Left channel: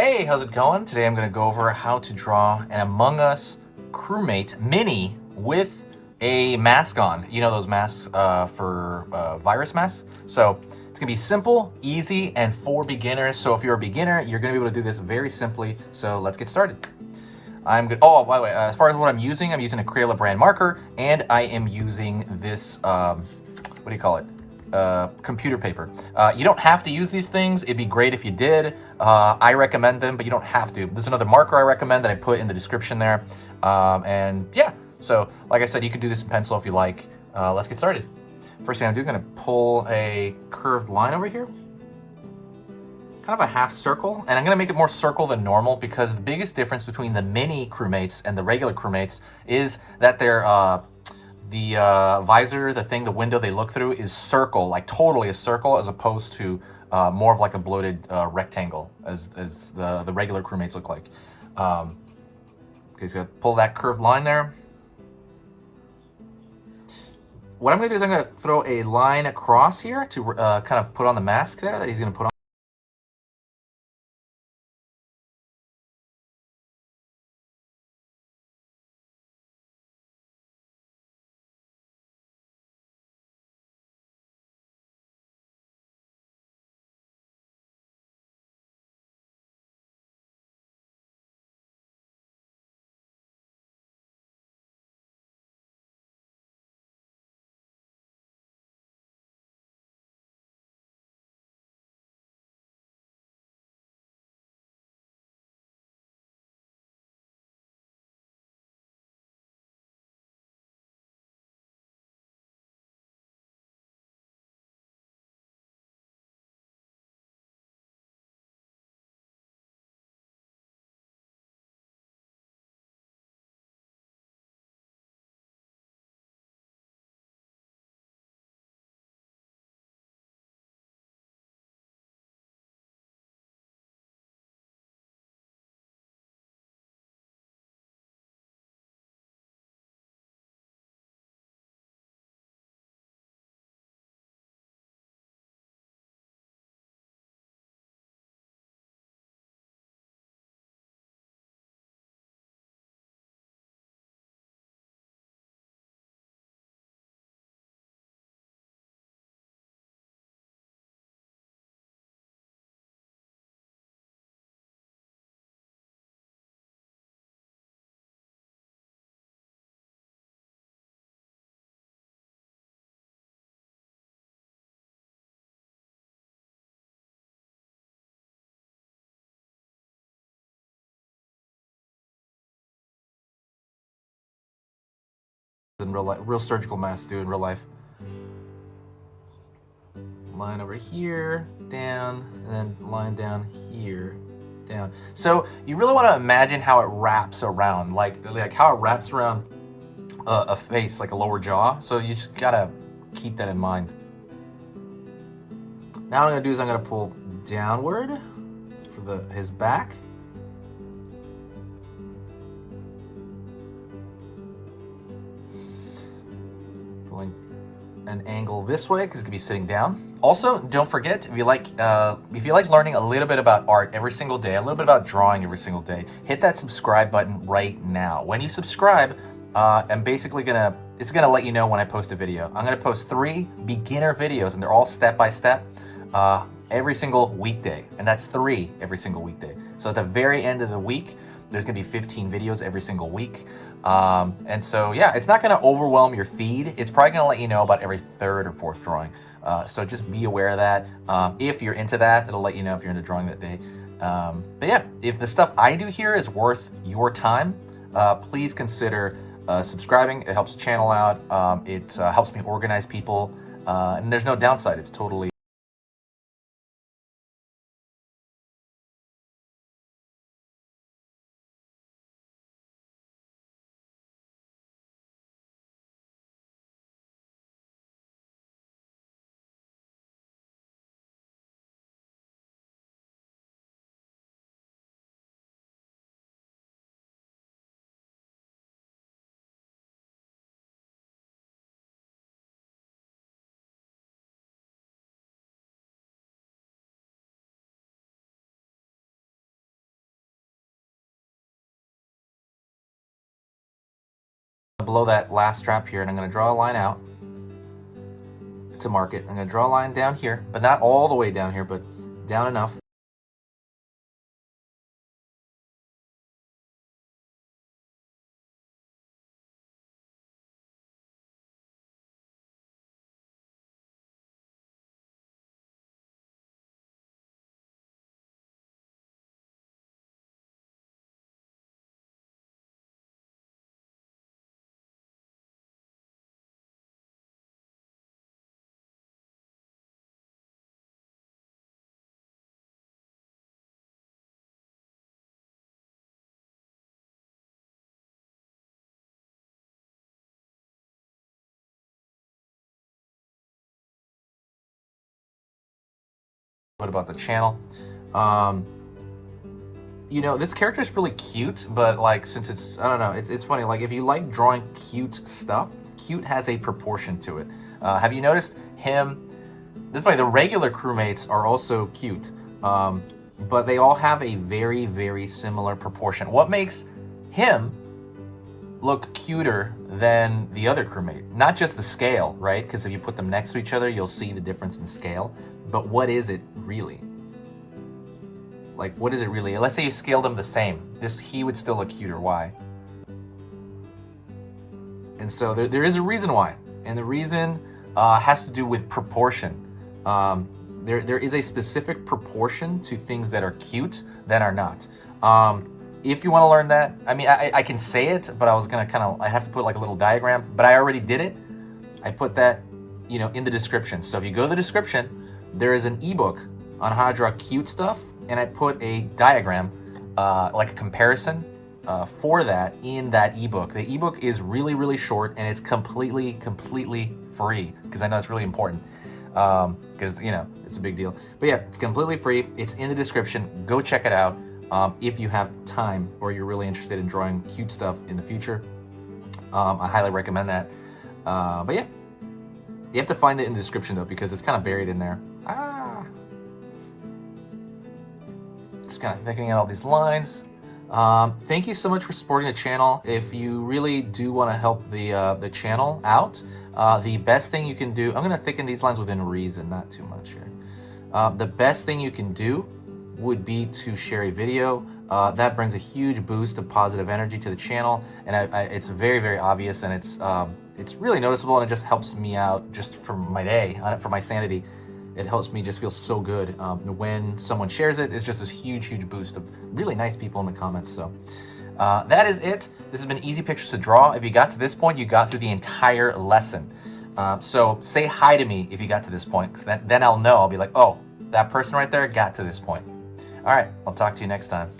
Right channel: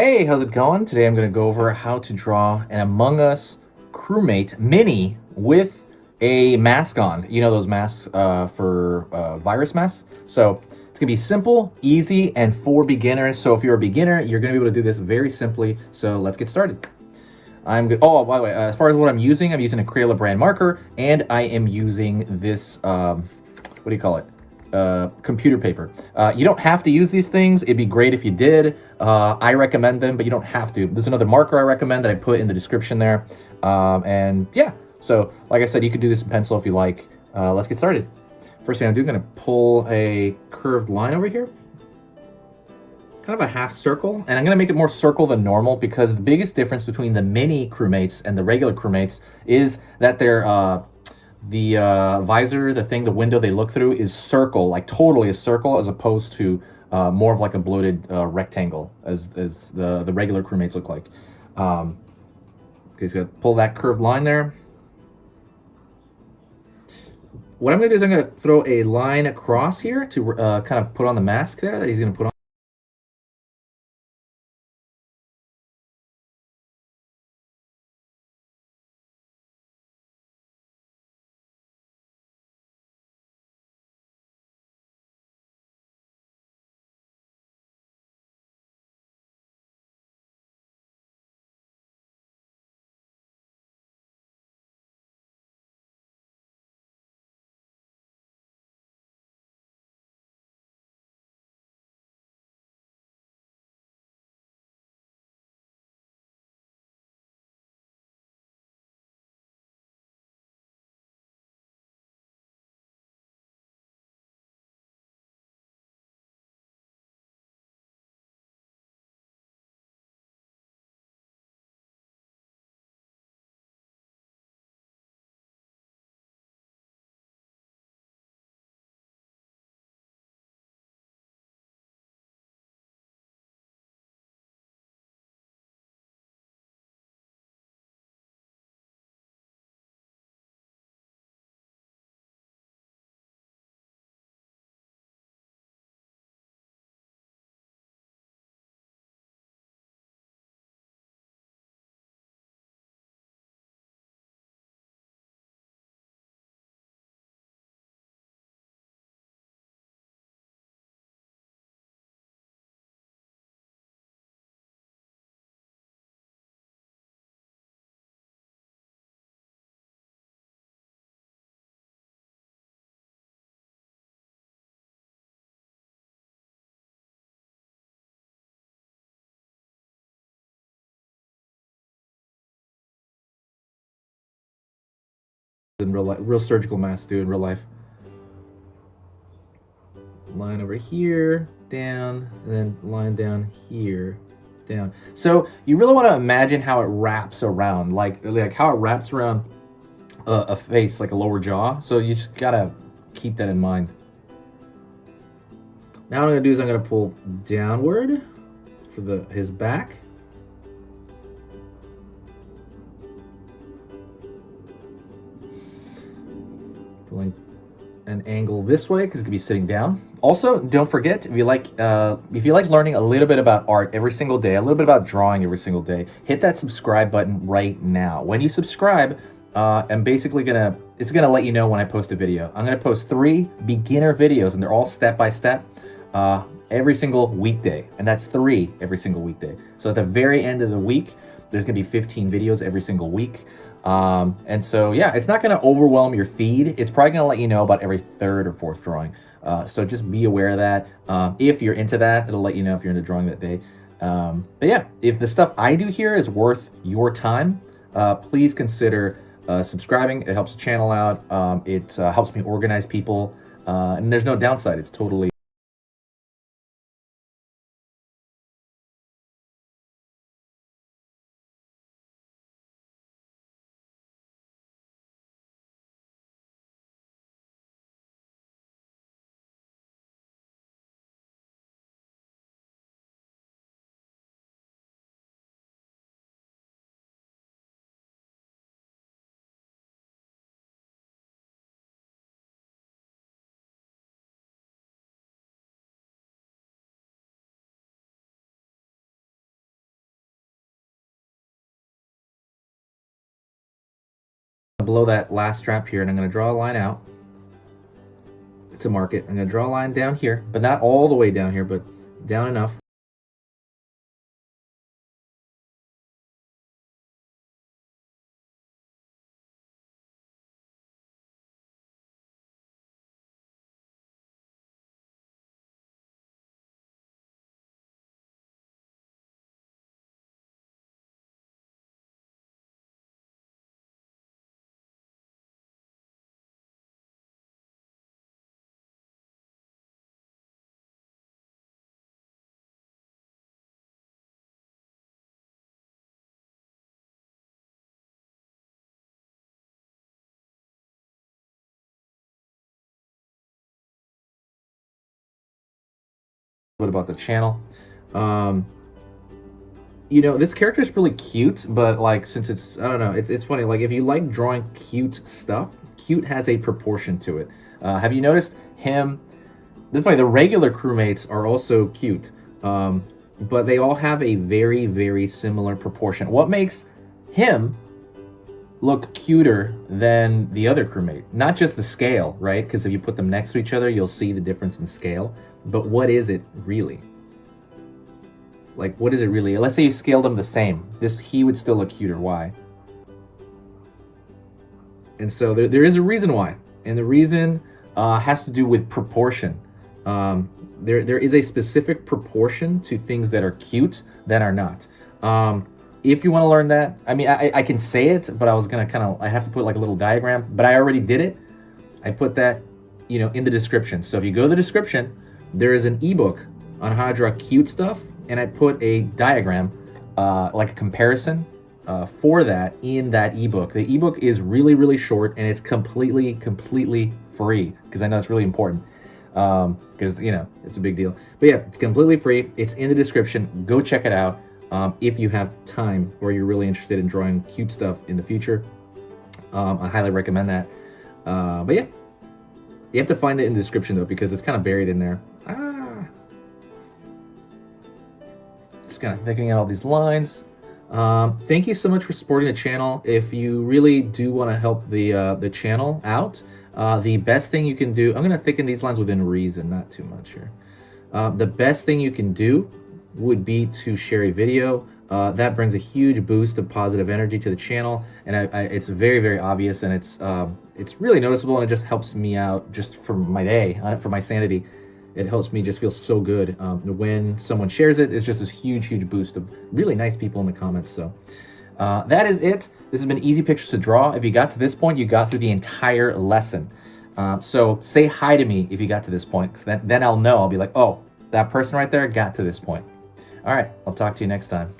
Hey, how's it going? Today I'm going to go over how to draw an Among Us crewmate mini with a mask on. You know those masks for virus masks? So it's going to be simple, easy, and for beginners. So if you're a beginner, you're going to be able to do this very simply. So let's get started. I'm good. Oh, by the way, as far as what I'm using a Crayola brand marker, and I am using this, what do you call it? Computer paper. You don't have to use these things. It'd be great if you did. I recommend them, but you don't have to. There's another marker I recommend that I put in the description there. And yeah, so like I said, you could do this in pencil if you like. Let's get started. First thing I'm doing, I'm gonna pull a curved line over here. Kind of a half circle, and I'm gonna make it more circle than normal because the biggest difference between the mini crewmates and the regular crewmates is that they're the visor, the window they look through is circle, like totally a circle, as opposed to more of like a bloated rectangle as the regular crewmates look like. Okay, so pull that curved line there. What I'm gonna do is I'm gonna throw a line across here to kind of put on the mask there that he's gonna put on. In real life, real surgical masks do in real life. Line over here, down, and then line down here, down. So you really want to imagine how it wraps around, like how it wraps around a face, like a lower jaw. So you just gotta keep that in mind. Now what I'm gonna do is I'm gonna pull downward for his back. Pulling an angle this way because it's gonna be sitting down. Also, don't forget, if you like learning a little bit about art every single day, a little bit about drawing every single day, hit that subscribe button right now. When you subscribe, I'm basically it's gonna let you know when I post a video. I'm gonna post 3 beginner videos, and they're all step by step every single weekday, and that's 3 every single weekday. So at the very end of the week, there's gonna be 15 videos every single week. And so, yeah, it's not going to overwhelm your feed. It's probably going to let you know about every 3rd or 4th drawing. So just be aware of that. If you're into that, it'll let you know if you're into drawing that day. But yeah, if the stuff I do here is worth your time, please consider subscribing. It helps the channel out. It helps me organize people. And there's no downside. It's totally below that last strap here, and I'm going to draw a line out to mark it. I'm going to draw a line down here, but not all the way down here, but down enough. What about the channel? You know, this character is really cute, but like, since it's, I don't know, it's funny. Like, if you like drawing cute stuff, cute has a proportion to it. Have you noticed him? This is funny. The regular crewmates are also cute, but they all have a very, very similar proportion. What makes him look cuter than the other crewmate? Not just the scale, right? Because if you put them next to each other, you'll see the difference in scale. But what is it really? Like, what is it really? Let's say you scaled them the same. He would still look cuter. Why? And so there is a reason why. And the reason has to do with proportion. There is a specific proportion to things that are cute that are not. If you want to learn that, I mean, I can say it, but I was going to I have to put like a little diagram, but I already did it. I put that, you know, in the description. So if you go to the description, there is an ebook on how to draw cute stuff, and I put a diagram, like a comparison for that in that ebook. The ebook is really, really short, and it's completely free, because I know it's really important, because, you know, it's a big deal. But yeah, it's completely free. It's in the description. Go check it out if you have time or you're really interested in drawing cute stuff in the future. I highly recommend that. But yeah, you have to find it in the description, though, because it's kind of buried in there. Just kind of thinking out all these lines. Thank you so much for supporting the channel. If you really do want to help the channel out, the best thing you can do, I'm going to thicken these lines within reason, not too much here. The best thing you can do would be to share a video. That brings a huge boost of positive energy to the channel, and it's very, very obvious, and it's really noticeable, and it just helps me out just for my day, for my sanity. It helps me just feel so good when someone shares it. It's just this huge boost of really nice people in the comments. So that is it. This has been Easy Pictures to Draw. If you got to this point, you got through the entire lesson. So say hi to me if you got to this point, 'cause then I'll know. I'll be like, oh, that person right there got to this point. All right, I'll talk to you next time.